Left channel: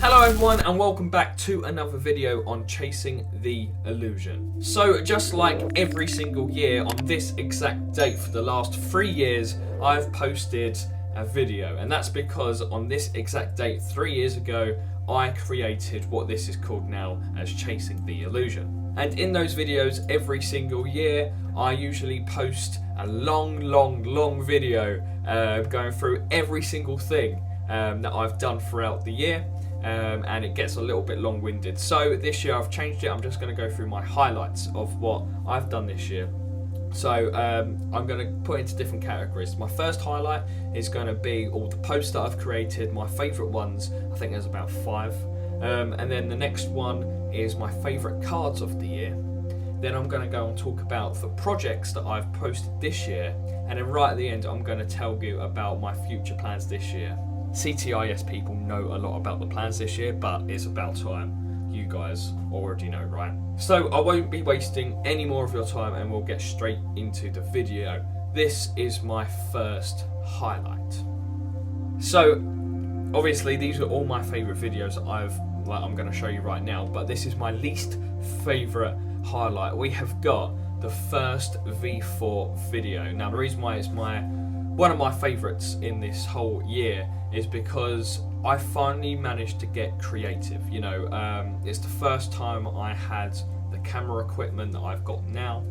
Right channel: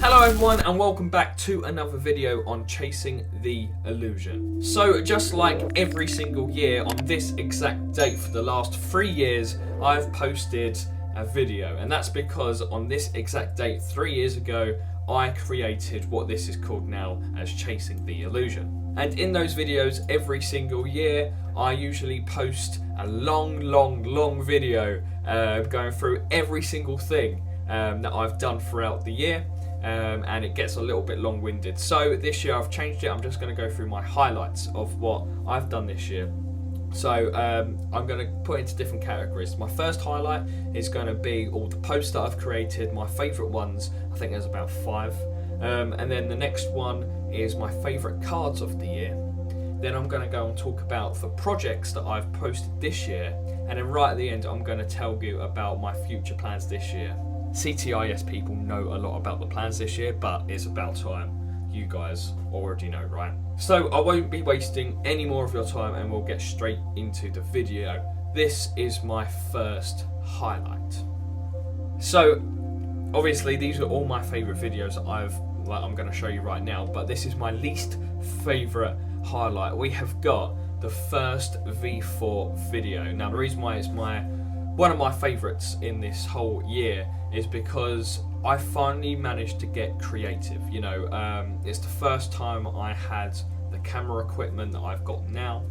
Hello everyone and welcome back to another video on Chasing the Illusion. So just like every single year on this exact date for the last 3 years, I've posted a video, and that's because on this exact date 3 years ago I created what this is called now as Chasing the Illusion. And in those videos every single year I usually post a long video going through every single thing that I've done throughout the year. And it gets a little bit long-winded. So this year I've changed it. I'm just going to go through my highlights of what I've done this year. So I'm going to put into different categories. My first highlight is going to be all the posts that I've created, my favourite ones. I think there's about 5. And then the next one is my favourite cards of the year. Then I'm going to go and talk about the projects that I've posted this year. And then right at the end I'm going to tell you about my future plans this year. CTIS people know a lot about the plans this year, but it's about time. You guys already know, right? So I won't be wasting any more of your time and we'll get straight into the video. This is my first highlight. So obviously these are all my favourite videos that I'm going to show you right now, but this is my least favourite highlight. We have got the first V4 video. Now the reason why it's one of my favourites in this whole year is because I finally managed to get creative. You know, it's the first time I had the camera equipment that I've got now.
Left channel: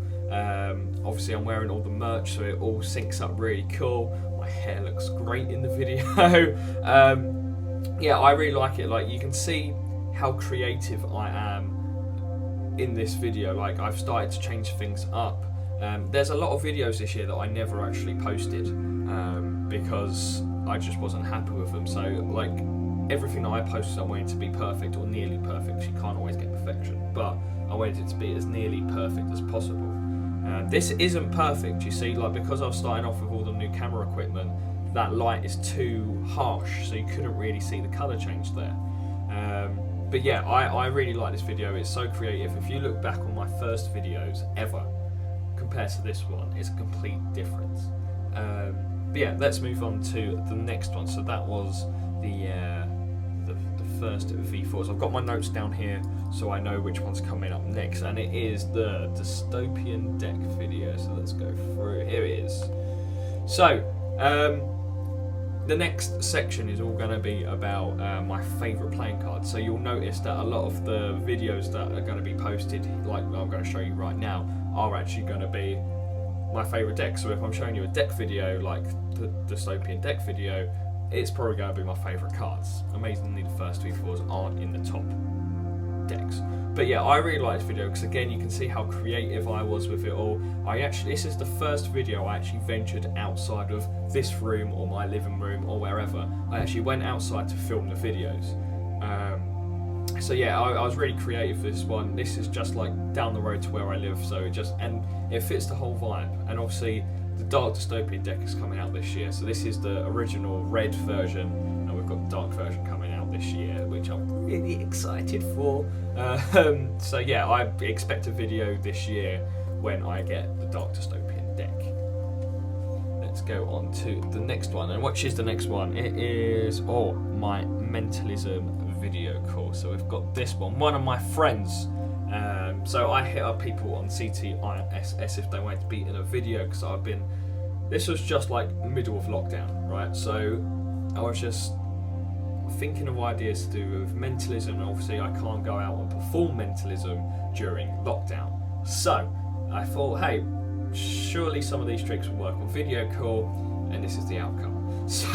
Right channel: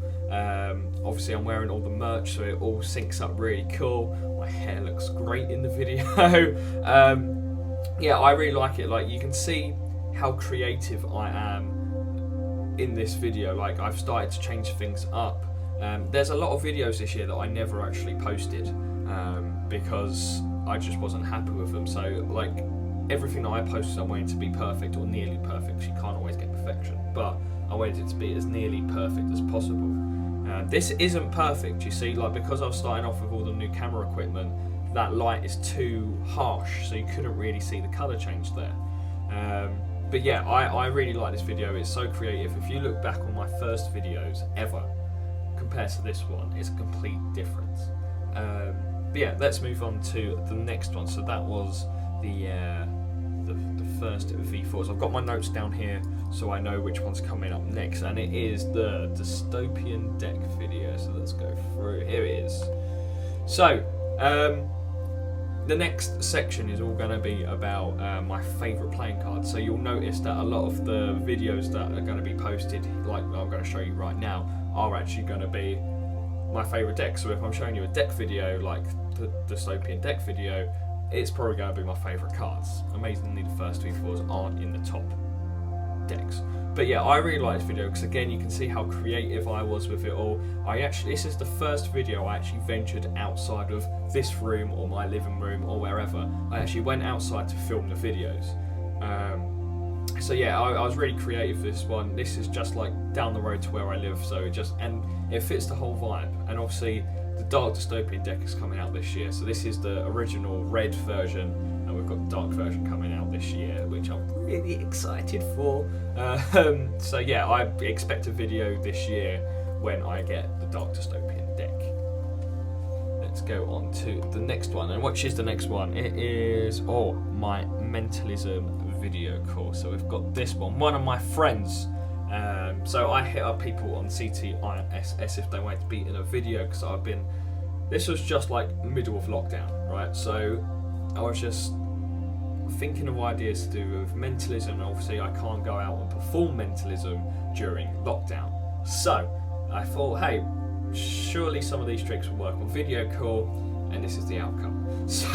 Obviously I'm wearing all the merch, so it all syncs up really cool. My hair looks great in the video. Yeah, I really like it. Like, you can see how creative I am in this video. Like, I've started to change things up. There's a lot of videos this year that I never actually posted because I just wasn't happy with them. So like everything that I posted I wanted to be perfect or nearly perfect. You can't always get perfection, but I wanted it to be as nearly perfect as possible. This isn't perfect, you see, like, because I was starting off with all the new camera equipment, that light is too harsh, so you couldn't really see the colour change there. But yeah, I really like this video. It's so creative. If you look back on my first videos ever compared to this one, it's a complete difference. But yeah, let's move on to the next one. So that was the first V4. So I've got my notes down here so I know which one's coming up next, and it is the Dystopian Deck video. So let's go through. Here it is. So the next section is all going to be about my favourite playing cards. So you'll notice that a lot of the videos that are going to be posted, like I'm going to show you right now, are actually going to be my favourite deck. So if I'm showing you a deck video like the Dystopian Deck video, it's probably going to be my favourite cards. Amazingly, the first V4s aren't in the top decks. But yeah, I really like this video because again you can see how creative I was with it all. This is the first video I actually ventured outside of this room or my living room or wherever. I actually went outside to film the videos. So yeah, I was really creative for this one. This is just like down the road to where I live, so it fits the whole vibe. And obviously the Dark Dystopian Deck is coming out this year, so this is the original red version, and we've got the dark version coming out this year, which I'm really excited for. So yeah, I expect a video this year when I get the Dark Dystopian Deck. Let's go on to the next one. And which is the next one? It is my mentalism video course. So we've got this one of my friends. So I hit up people on CTIS if they wanted to be in a video, because this was just like middle of lockdown, right? So I was just thinking of ideas to do with mentalism, and obviously I can't go out and perform mentalism during lockdown. So I thought, hey, surely some of these tricks will work on video call, and this is the outcome. So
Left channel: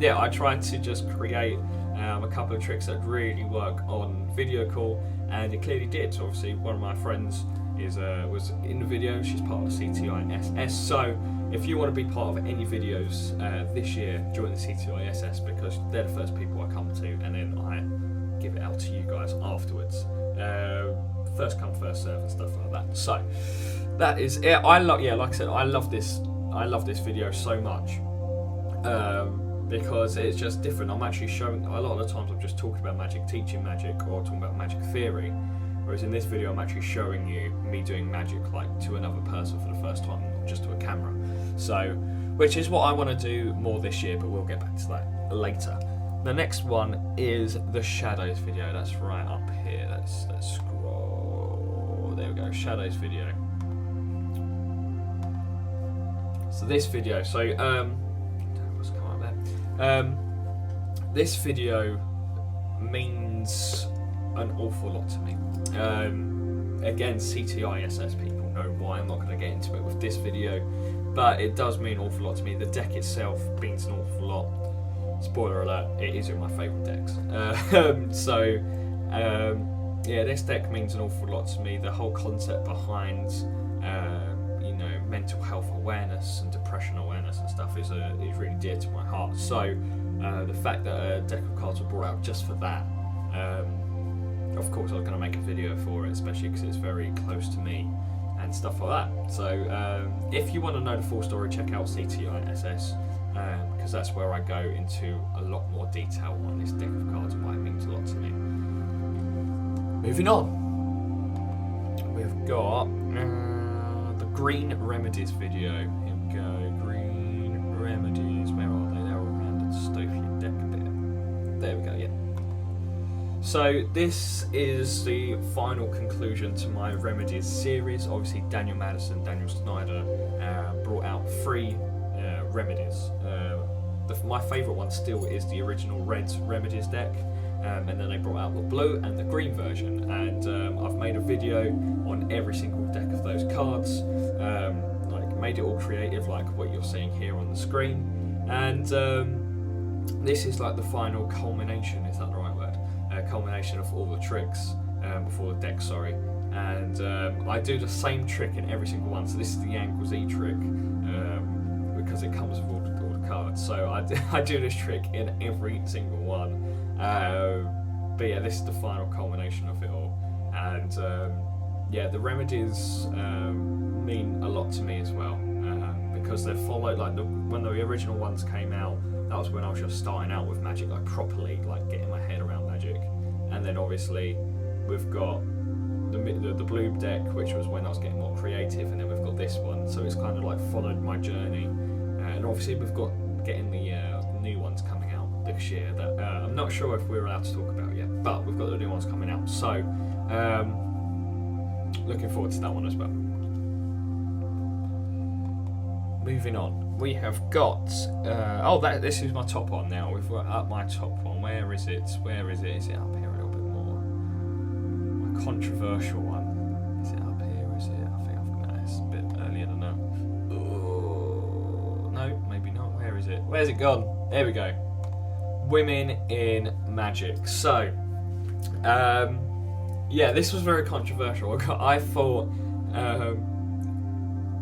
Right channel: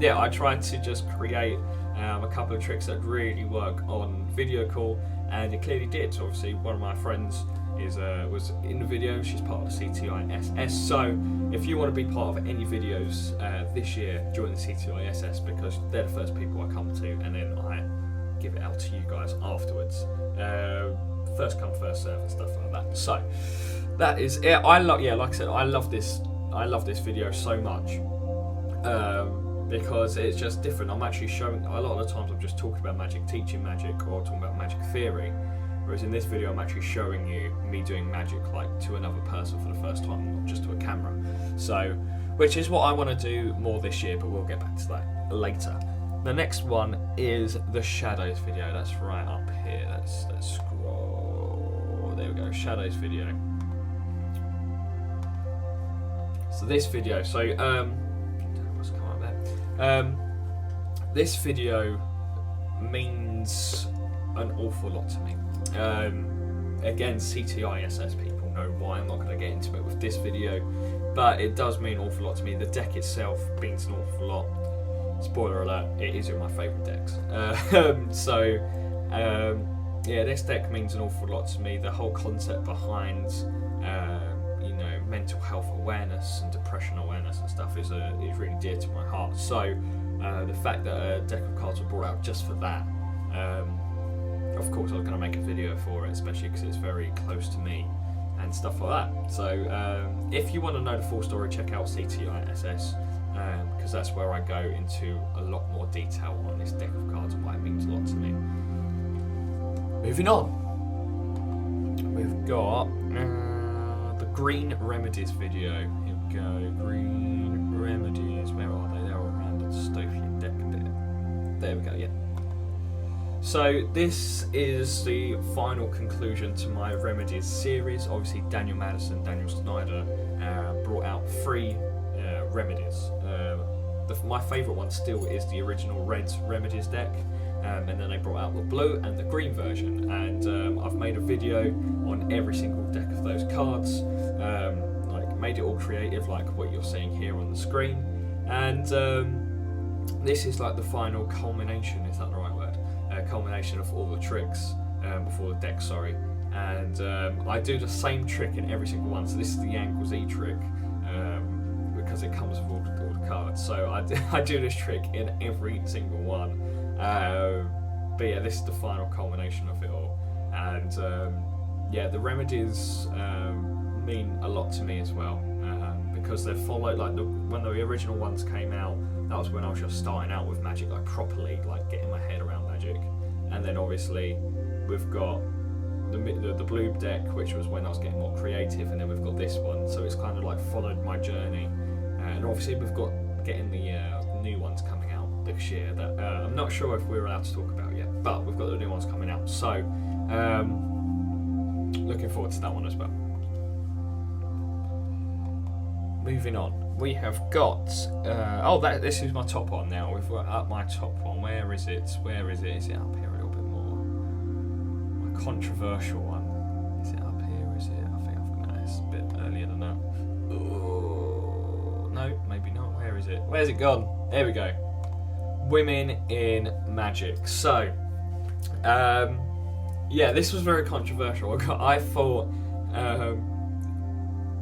yeah, I tried to just create a couple of tricks that really work on video call, and it clearly did. So obviously one of my friends was in the video. She's part of the CTISS. So if you want to be part of any videos this year, join the CTISS, because they're the first people I come to, and then I give it out to you guys afterwards. First come, first serve, and stuff like that. So that is it. Like I said, I love this video so much because it's just different. I'm actually showing, a lot of the times I'm just talking about magic, teaching magic, or talking about magic theory, whereas in this video I'm actually showing you me doing magic like to another person for the first time, not just to a camera. So, which is what I want to do more this year, but we'll get back to that later. The next one is the Shadows video. That's right up here. Let's scroll. There we go. Shadows video. So this video. What's come up there? This video means an awful lot to me. Again, CTI SS people know why. I'm not going to get into it with this video, but it does mean an awful lot to me. The deck itself means an awful lot. Spoiler alert, it is in my favourite decks. Yeah, this deck means an awful lot to me. The whole concept behind, mental health awareness and depression awareness and stuff is really dear to my heart. So the fact that a deck of cards were brought out just for that, of course I was going to make a video for it, especially because it's very close to me and stuff like that. So if you want to know the full story, check out CTI SS. Because that's where I go into a lot more detail on this deck of cards and why it means a lot to me. Moving on, we've got the Green Remedies video. Here we go, Green Remedies. Where are they? They're around the Dystopian Deck a bit. There we go. Yeah. So this is the final conclusion to my Remedies series. Obviously, Daniel Madison, Daniel Snyder brought out 3 Remedies. My favourite one still is the original red Remedies deck, and then they brought out the blue and the green version, and I've made a video on every single deck of those cards, made it all creative like what you're seeing here on the screen, and this is like the final culmination, is that the right word? Culmination of all the tricks before the deck, sorry, and I do the same trick in every single one. So this is the Angle Z trick, because it comes with all the cards. So I do this trick in every single one. But yeah, this is the final culmination of it all. And the Remedies mean a lot to me as well, because they're followed, when the original ones came out, that was when I was just starting out with Magic, properly, getting my head around Magic. And then obviously we've got the blue deck, which was when I was getting more creative, and then we've got this one, so it's kind of followed my journey. And obviously we've got getting the new ones coming out this year that I'm not sure if we're allowed to talk about yet, but we've got the new ones coming out, so looking forward to that one as well. Moving on, we have got this is my top one now. We've got up my top one. Where is it? Is it up here a little bit more? My controversial one. Is it up here? Is it? I think it's a bit earlier than that. Oh, no, maybe not. Where is it? Where's it gone? There we go. Women in Magic. So, this was very controversial. I thought.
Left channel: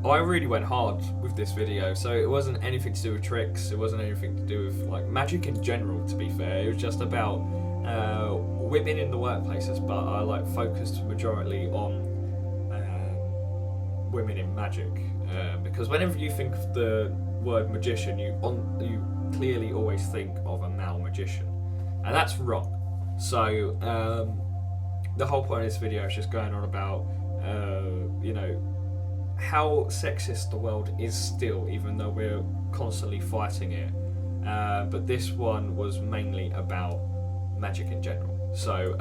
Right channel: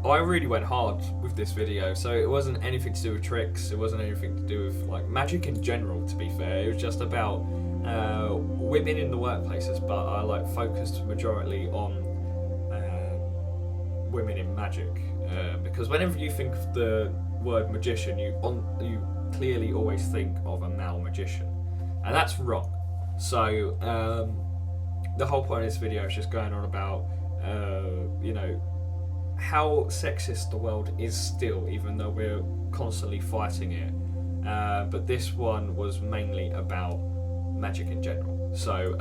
I really went hard with this video, so it wasn't anything to do with tricks, it wasn't anything to do with Magic in general, to be fair. It was just about women in the workplaces, but I focused majorly on women in Magic, because whenever you think of the word magician, you clearly always think of a male magician, and that's wrong. So the whole point of this video is just going on about how sexist the world is still, even though we're constantly fighting it. But this one was mainly about Magic in general. So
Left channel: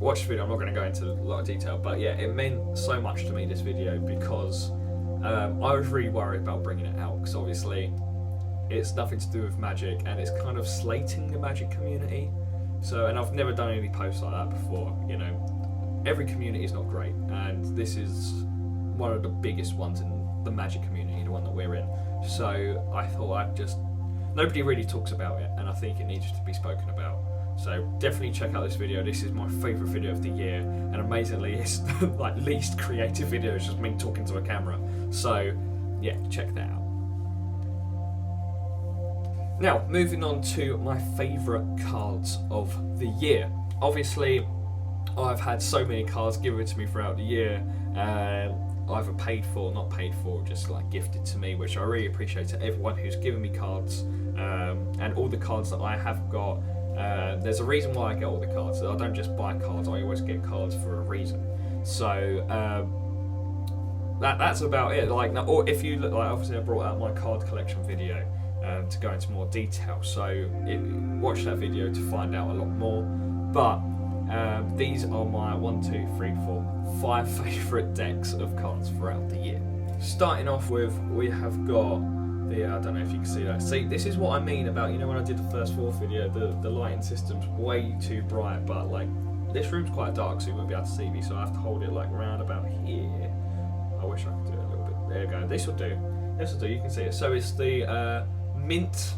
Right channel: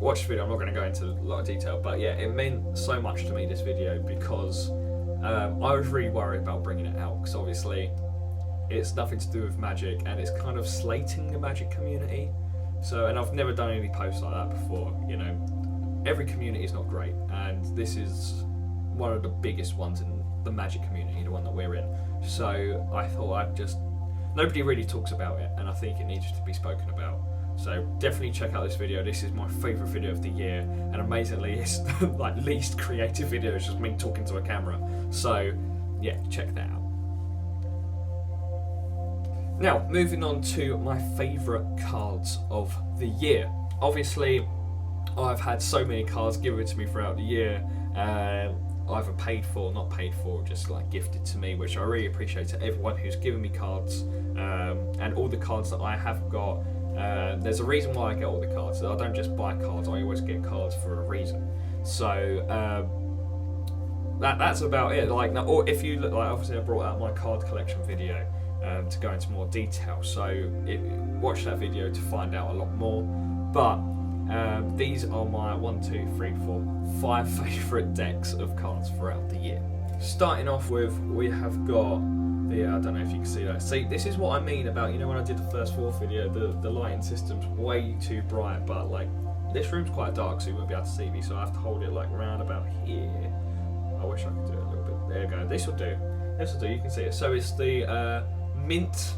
watch the video. I'm not going to go into a lot of detail, but yeah, it meant so much to me, this video, because I was really worried about bringing it out, because obviously it's nothing to do with Magic, and it's kind of slating the Magic community. So, and I've never done any posts like that before. Every community is not great, and this is one of the biggest ones in the Magic community, the one that we're in. So I thought nobody really talks about it, and I think it needs to be spoken about. So definitely check out this video. This is my favourite video of the year, and amazingly it's least creative video. It's just me talking to a camera. So yeah, check that out. Now, moving on to my favourite cards of the year. Obviously, I've had so many cards given to me throughout the year, either paid for, not paid for, just gifted to me, which I really appreciate to everyone who's given me cards, and all the cards that I have got. There's a reason why I get all the cards. I don't just buy cards, I always get cards for a reason. So that's about it. Or if you look, obviously I brought out my card collection video, to go into more detail. So watch that video to find out a lot more. But these are my 5 favourite decks of cards throughout the year. Starting off with, we have got the, I don't know if you can see that. See, this is what I mean about, you know, when I did the first fourth video, the lighting system's way too bright, but like, this room's quite dark, so you won't be able to see me, so I have to hold it like round about here. I wish I could do it a little bit. There you go. This will do. This will do. You can see it. So it's the Mint.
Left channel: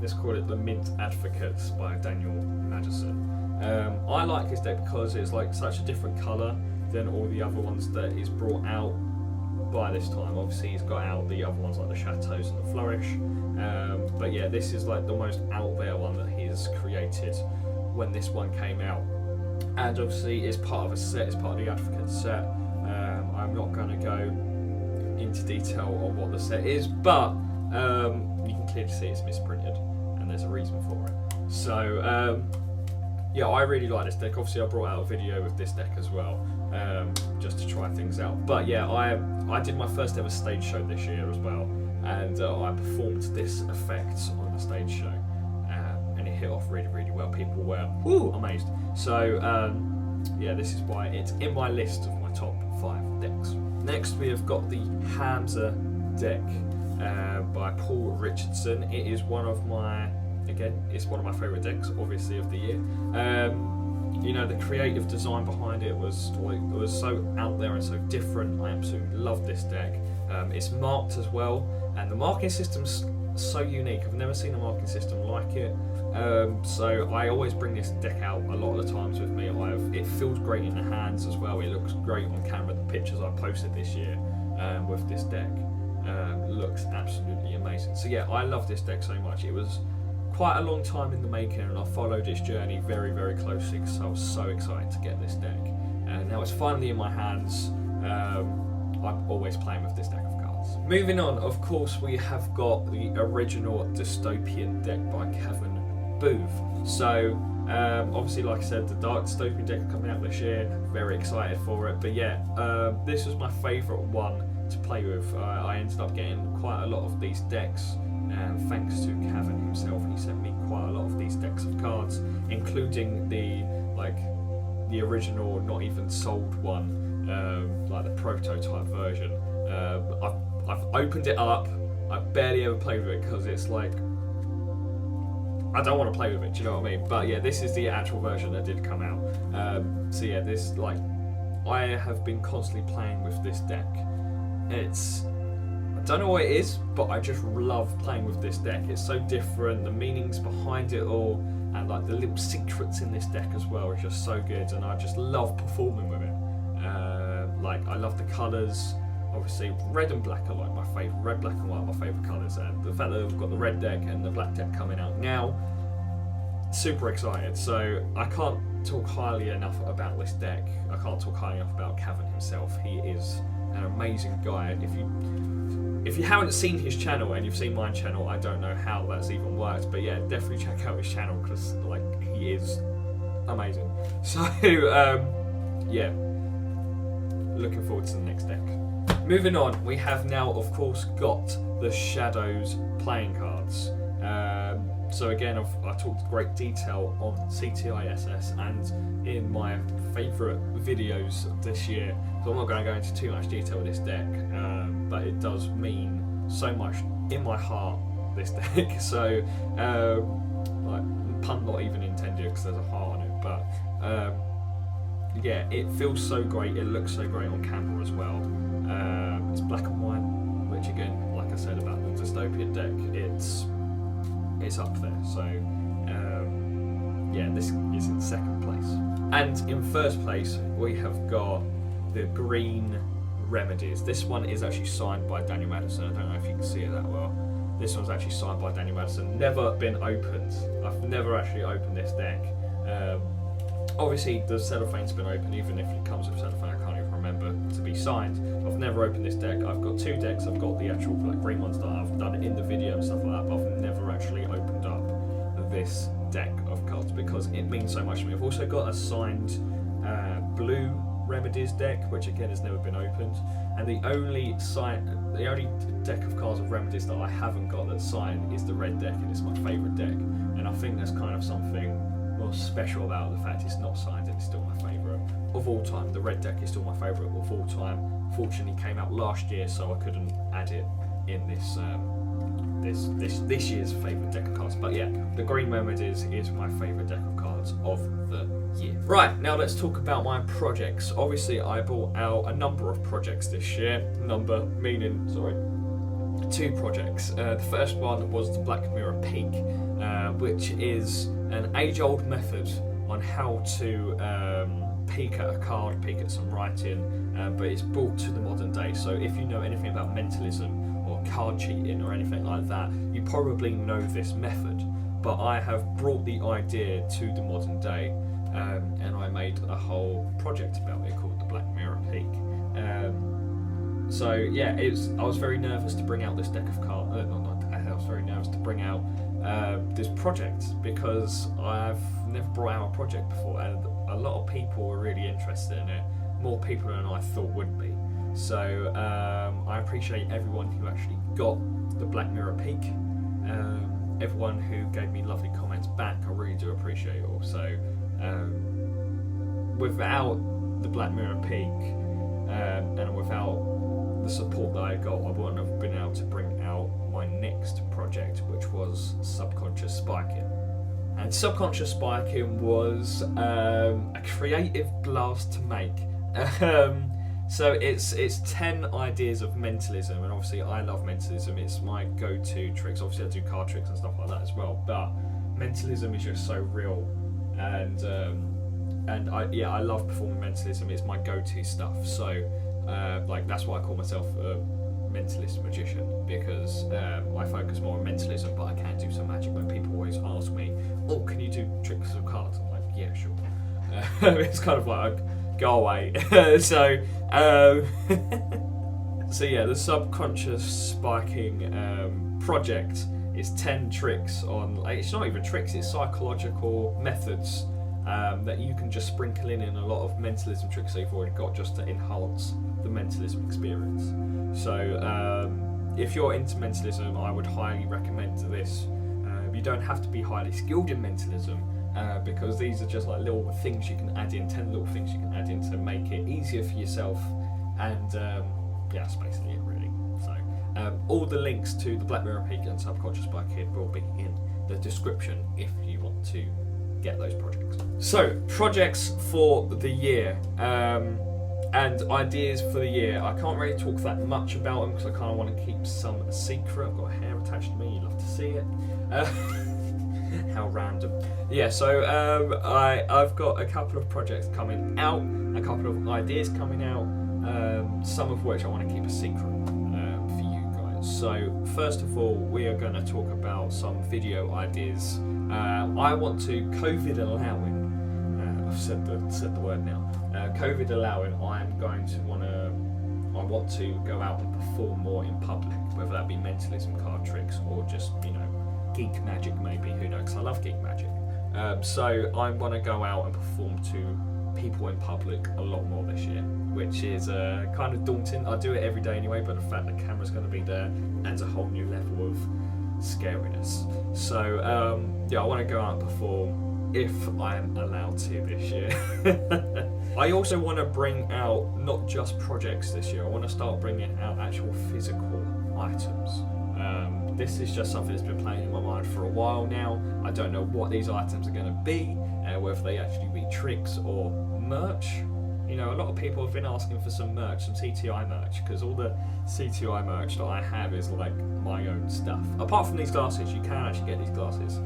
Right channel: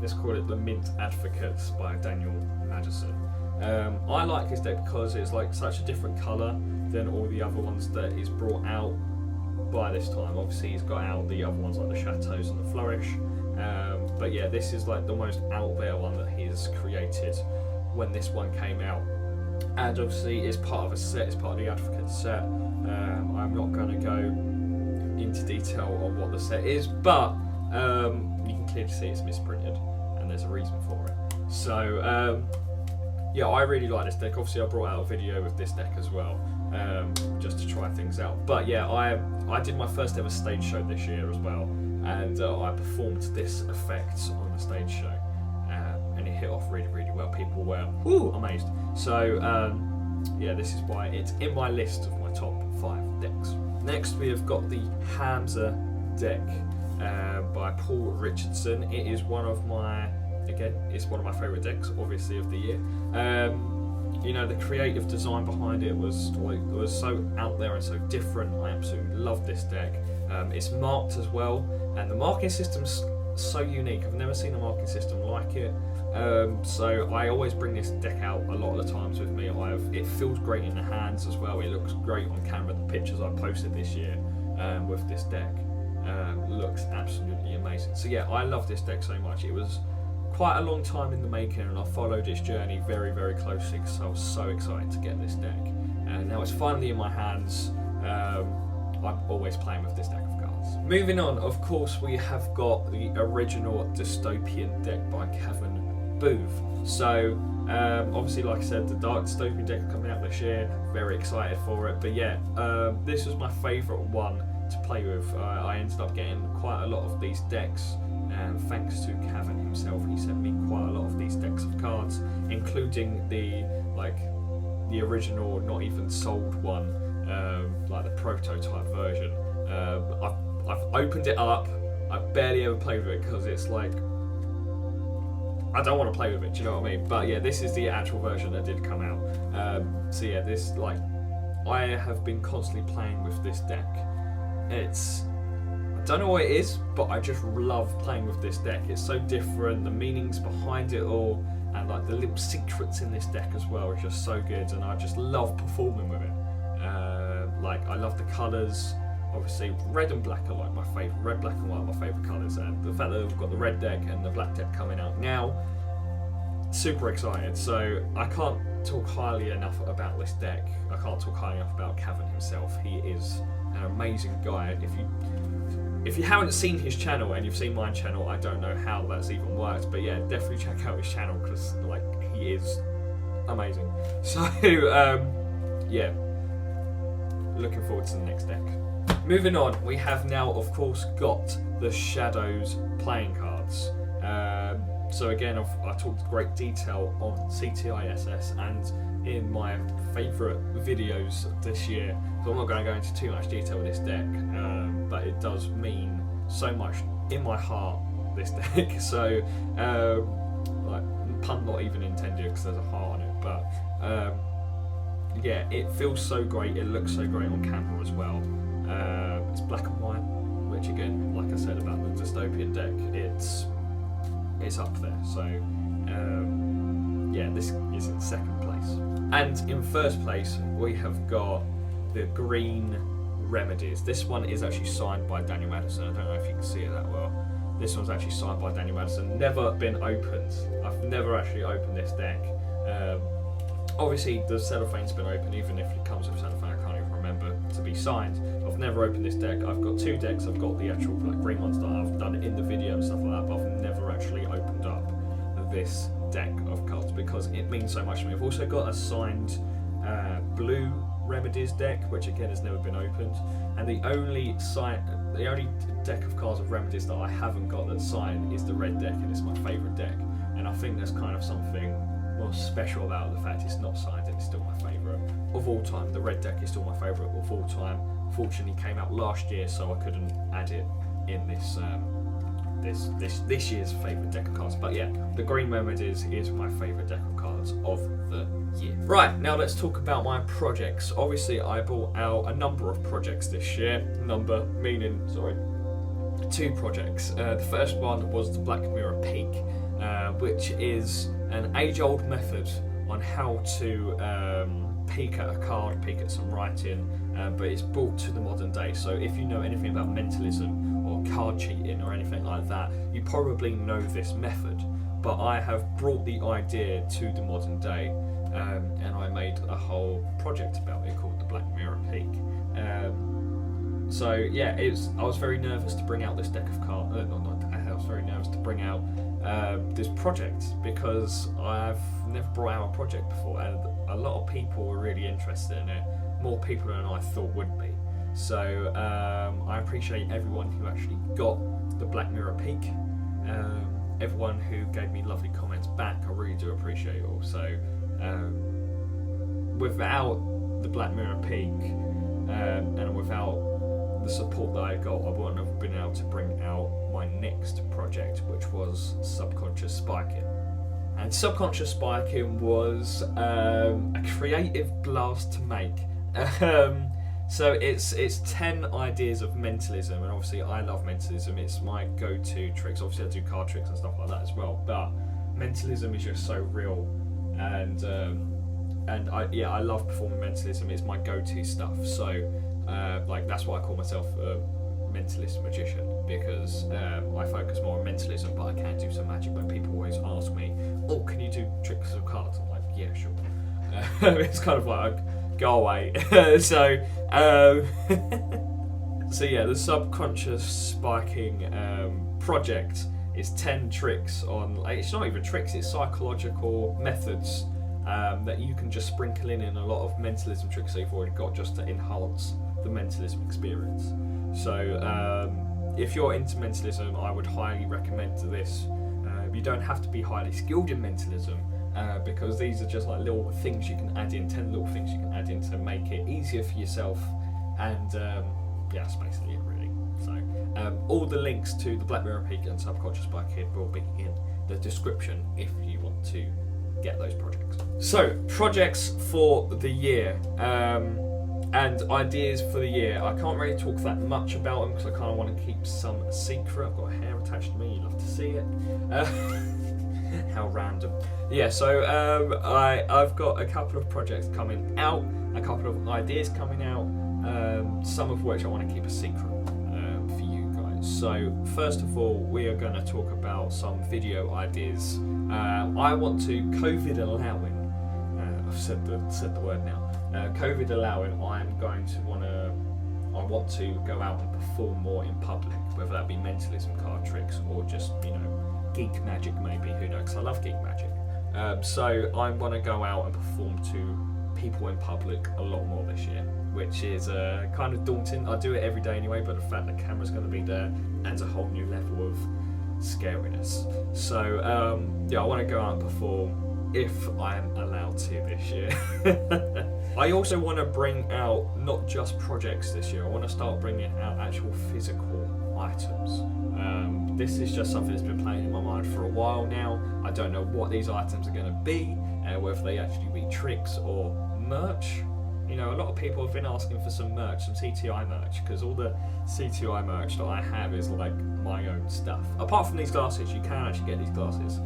Let's call it the Misprint Advocates by Daniel Madison. I like his deck because it's like such a different colour than all the other ones that he's brought out by this time. Obviously, he's got out the other ones like the Chateaus and the Flourish. But yeah, this is like the most out there one that he's created when this one came out. And obviously, it's part of a set. It's part of the Advocate set. I'm not going to go into detail on what the set is, but you can clearly see it's misprinted, and there's a reason for it. So yeah, I really like this deck. Obviously, I brought out a video with this deck as well, just to try things out. But yeah, I did my first ever stage show this year as well, and I performed this effect on the stage show, and it hit off really, really well. People were amazed. So yeah, this is why it's in my list of my top 5 decks. Next, we have got the Hamsa Deck by Paul Richardson. It is one of my, again, it's one of my favourite decks, obviously, of the year. You know, the creative design behind it was so out there and so different. I absolutely love this deck. It's marked as well, and the marking system's so unique. I've never seen a marking system like it. So I always bring this deck out a lot of the times with me. It feels great in the hands as well. It looks great on camera. The pictures I posted this year with this deck looks absolutely amazing. So yeah, I love this deck so much. It was quite a long time in the making, and I followed its journey very, very closely because I was so excited to get this deck. And now it's finally in my hands. I'm always playing with this deck of cards. Moving on, of course, we have got the original Dystopian Deck by Kevin Booth. So obviously, like I said, the Dark Dystopian Deck coming out this year. Very excited for it. But yeah, this was my favourite one to play with. I ended up getting quite a lot of these decks, and thanks to Kevin himself, he sent me quite a lot of these decks of cards, including the original, not even sold one, like the prototype version. I've opened it up. I barely ever played with it because it's like, I don't want to play with it, do you know what I mean? But yeah, this is the actual version that did come out. So yeah, this, like, I have been constantly playing with this deck. I don't know what it is, but I just love playing with this deck. It's so different, the meanings behind it all, and like the little secrets in this deck as well is just so good, and I just love performing with it. Like, I love the colours. Obviously, red and black are like my favourite. Red, black and white are my favourite colours, and the fact that we've got the red deck and the black deck coming out now, super excited. So I can't talk highly enough about this deck. I can't talk highly enough about Kevin himself. He is an amazing guy. If you haven't seen his channel and you've seen my channel, I don't know how that's even worked, but yeah, definitely check out his channel because like, he is amazing. So yeah, looking forward to the next deck. Moving on, we have now, of course, got the Shadows playing cards. So again, I talked great detail on CTI SS and in my favourite videos this year, so I'm not going to go into too much detail with this deck, but it does mean so much in my heart, this deck. So, like, pun not even intended because there's a heart on it, but yeah, it feels so great, it looks so great on camera as well. It's black and white, which again, like I said about the Dystopian Deck, it's up there. So yeah, this is in second place. And in first place, we have got the green Remedies. This one is actually signed by Daniel Madison. I don't know if you can see it that well. This one's actually signed by Daniel Madison. Never been opened. I've never actually opened this deck. Obviously, the cellophane's been opened, even if it comes with cellophane, I can't even remember to be signed. I've never opened this deck. I've got 2 decks. I've got the actual like green ones that I've done in the video and stuff like that, but I've never actually opened up this deck of cards because it means so much to me. I've also got a signed blue Remedies deck, which again has never been opened, and the only deck of cards of Remedies that I haven't got that's signed is the red deck, and it's my favourite deck. And I think there's kind of something more special about the fact it's not signed and it's still my favourite of all time. The red deck is still my favourite of all time. Fortunately, came out last year, so I couldn't add it in this year's favourite deck of cards. But yeah, the Green Remedies is my favourite deck of cards of the year. Right, now let's talk about my projects. Obviously, I brought out a number of projects this year. Number meaning, sorry, 2 projects. The first one was the Black Mirror Peak, which is an age-old method on how to peek at a card, peek at some writing, but it's brought to the modern day. So if you know anything about mentalism or card cheating or anything like that, you probably know this method. But I have brought the idea to the modern day, and I made a whole project about it called the Black Mirror Peak. So yeah, I was very nervous to bring out this deck of cards. I was very nervous to bring out this project because I've never brought out a project before, and a lot of people were really interested in it. More people than I thought would be. So I appreciate everyone who actually got the Black Mirror Peak. Everyone who gave me lovely comments back, I really do appreciate it all. So without the Black Mirror Peak and without the support that I got, I wouldn't have been able to bring out my next project, which was Subconscious Spiking. And Subconscious Spiking was a creative blast to make. So it's 10 ideas of mentalism, and obviously I love mentalism. It's my go-to tricks. Obviously I do card tricks and stuff like that as well, but mentalism is just so real, and I love performing mentalism. It's my go-to stuff. So like that's why I call myself a mentalist magician, because I focus more on mentalism, but I can do some magic. When people always ask me, "Oh, can you do tricks of cards?" I'm like, "Yeah, sure." It's kind of like, go away. So yeah, the Subconscious Spiking project is 10 tricks on, like, it's not even tricks, it's psychological methods that you can just sprinkle in a lot of mentalism tricks that you've already got, just to enhance the mentalism experience. So if you're into mentalism, I would highly recommend this. You don't have to be highly skilled in mentalism, because these are just like little things you can add in, 10 little things you can add in to make it easier for yourself, and yeah, that's basically it really. So all the links to the Black Mirror Peak and Subconscious Spiking will be in the description if you want to get those projects. So projects for the year, and ideas for the year. I can't really talk that much about them because I kind of want to keep some secret. I've got a hair attached to me, you love to see it. How random. Yeah, so I've got a couple of projects coming out, a couple of ideas coming out, some of which I want to keep a secret for you guys. So first of all, we are going to talk about some video ideas. I want to, COVID allowing, I've said the word now, COVID allowing, I want to go out and perform more in public, whether that be mentalism, card tricks, or just, geek magic maybe, who knows, 'cause I love geek magic. So I want to go out and perform to people in public a lot more this year, which is kind of daunting. I do it every day anyway, but the fact the camera's going to be there adds a whole new level of scariness. So yeah, I want to go out and perform if I'm allowed to this year. I also want to bring out not just projects this year, I want to start bringing out actual physical items. This is just something that's been playing in my mind for a while now. I don't know what these items are going to be, whether they actually be tricks or merch. A lot of people have been asking for some merch, some CTI merch, because all the CTI merch that I have is like my own stuff. Apart from these glasses, you can actually get these glasses.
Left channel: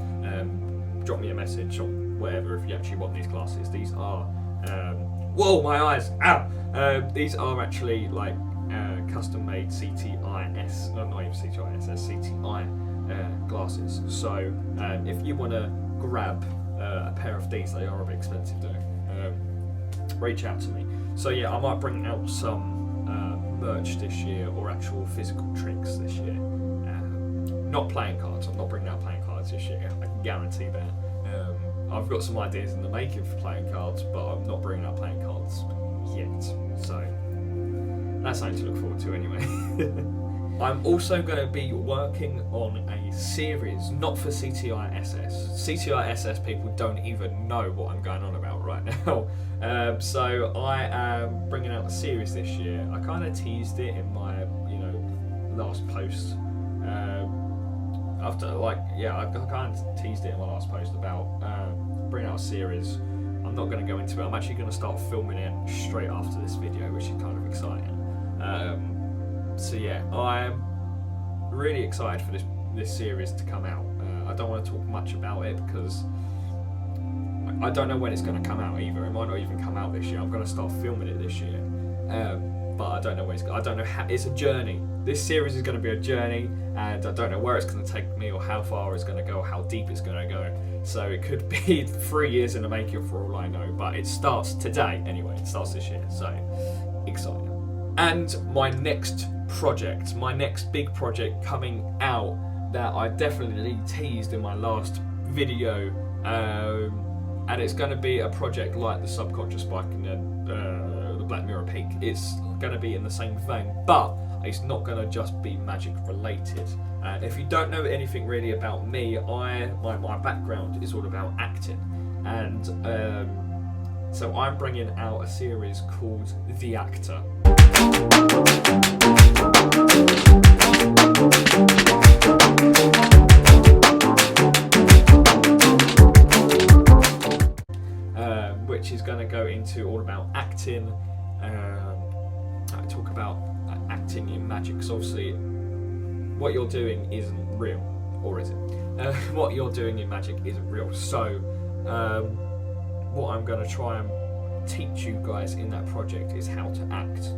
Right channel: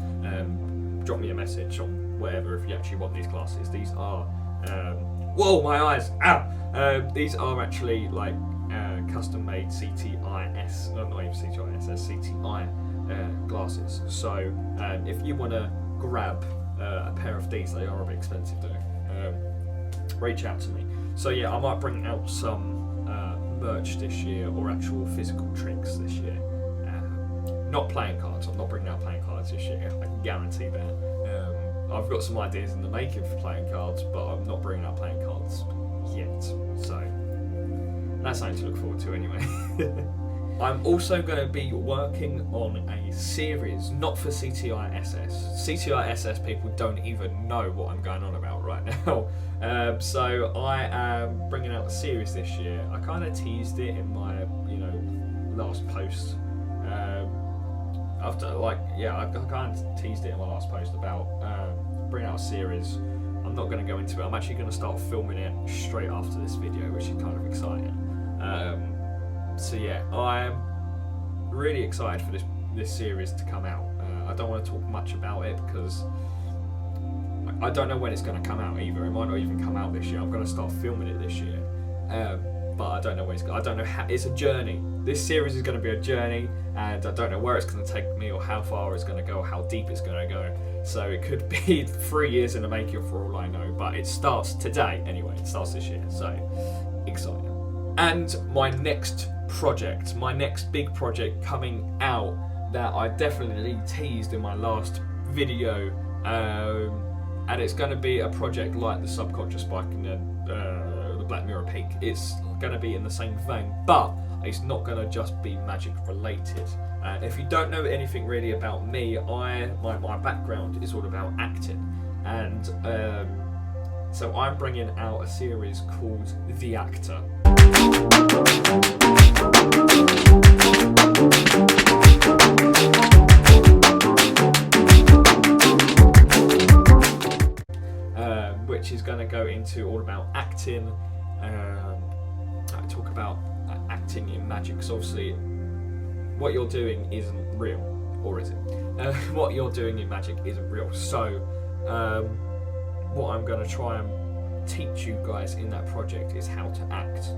Drop me a message or whatever if you actually want these glasses. These are, whoa, my eyes, ow! These are actually like custom-made CTIS, not even CTIS, CTI glasses. So if you want to grab a pair of these, they are a bit expensive though, reach out to me. So yeah, I might bring out some merch this year, or actual physical tricks this year. not playing cards. I'm not bringing out playing cards this year. I can guarantee that. I've got some ideas in the making for playing cards, but I'm not bringing out playing cards yet. So that's something to look forward to anyway. I'm also going to be working on a series, not for CTI SS. CTI SS people don't even know what I'm going on about right now. So I am bringing out a series this year. I kind of teased it in my, last post. I kind of teased it in my last post about bringing out a series. I'm not going to go into it. I'm actually going to start filming it straight after this video, which is kind of exciting. So yeah, I'm really excited for this series to come out. I don't want to talk much about it because I don't know when it's going to come out either. It might not even come out this year. I'm going to start filming it this year, but I don't know when I don't know how. It's a journey. This series is going to be a journey, and I don't know where it's going to take me or how far it's going to go, or how deep it's going to go. So it could be 3 years in the making for all I know. But it starts today anyway. It starts this year. So exciting. And my next project, my next big project coming out that I definitely teased in my last video, and it's going to be a project like the Subconscious Spike and the Black Mirror Peak. It's going to be in the same vein, but it's not going to just be magic related. And if you don't know anything really about me, my background is all about acting, and so I'm bringing out a series called The Actor. Which is going to go into all about acting. I talk about acting in magic, because obviously what you're doing isn't real, or is it? What you're doing in magic isn't real. So what I'm going to try and teach you guys in that project is how to act,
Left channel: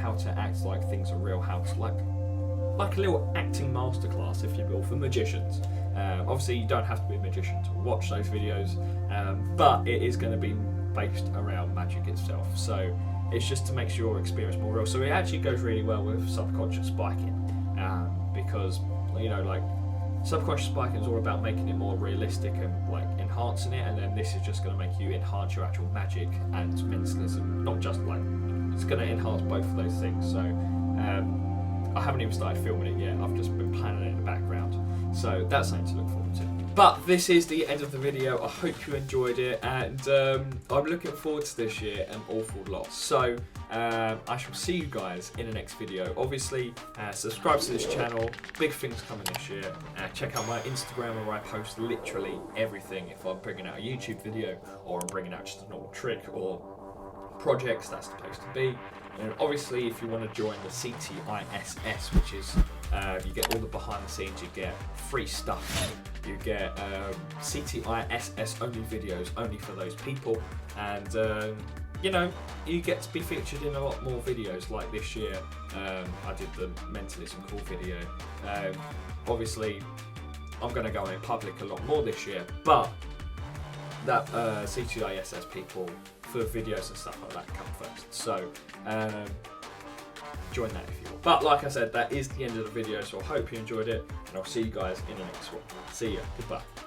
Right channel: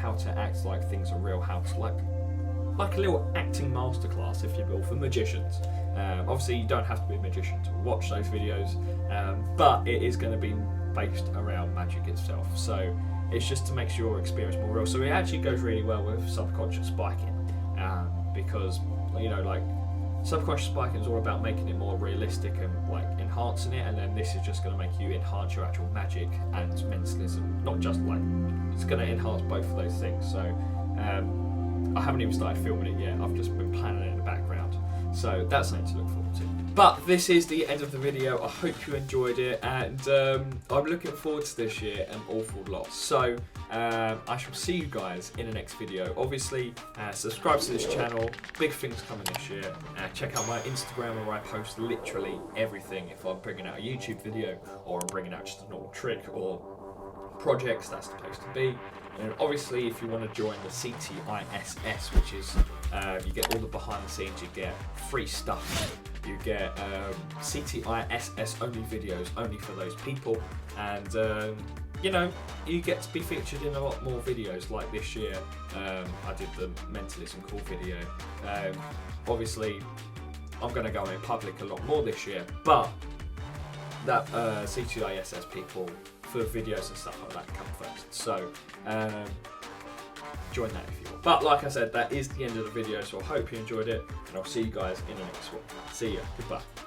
how to act like things are real, how to like a little acting masterclass, if you will, for magicians. Obviously you don't have to be a magician to watch those videos, but it is going to be based around magic itself, so it's just to make your experience more real. So it actually goes really well with subconscious spiking, because subconscious spiking is all about making it more realistic and like enhancing it, and then this is just going to make you enhance your actual magic and mentalism. Not just like, it's going to enhance both of those things. So I haven't even started filming it yet. I've just been planning it in the background, so that's something to look forward to. But this is the end of the video. I hope you enjoyed it, and I'm looking forward to this year an awful lot. So I shall see you guys in the next video. Obviously, subscribe to this channel. Big things coming this year. Check out my Instagram, where I post literally everything. If I'm bringing out a YouTube video, or I'm bringing out just a normal trick or projects, that's the place to be. And obviously, if you want to join the CTISS, which is you get all the behind the scenes, you get free stuff, you get CTISS only videos only for those people, and you get to be featured in a lot more videos. Like this year, I did the mentalism call video. Obviously, I'm going to go in public a lot more this year, but that CTISS people for videos and stuff like that come first. So join that if you want. But like I said, that is the end of the video, so I hope you enjoyed it, and I'll see you guys in the next one. See ya. Goodbye.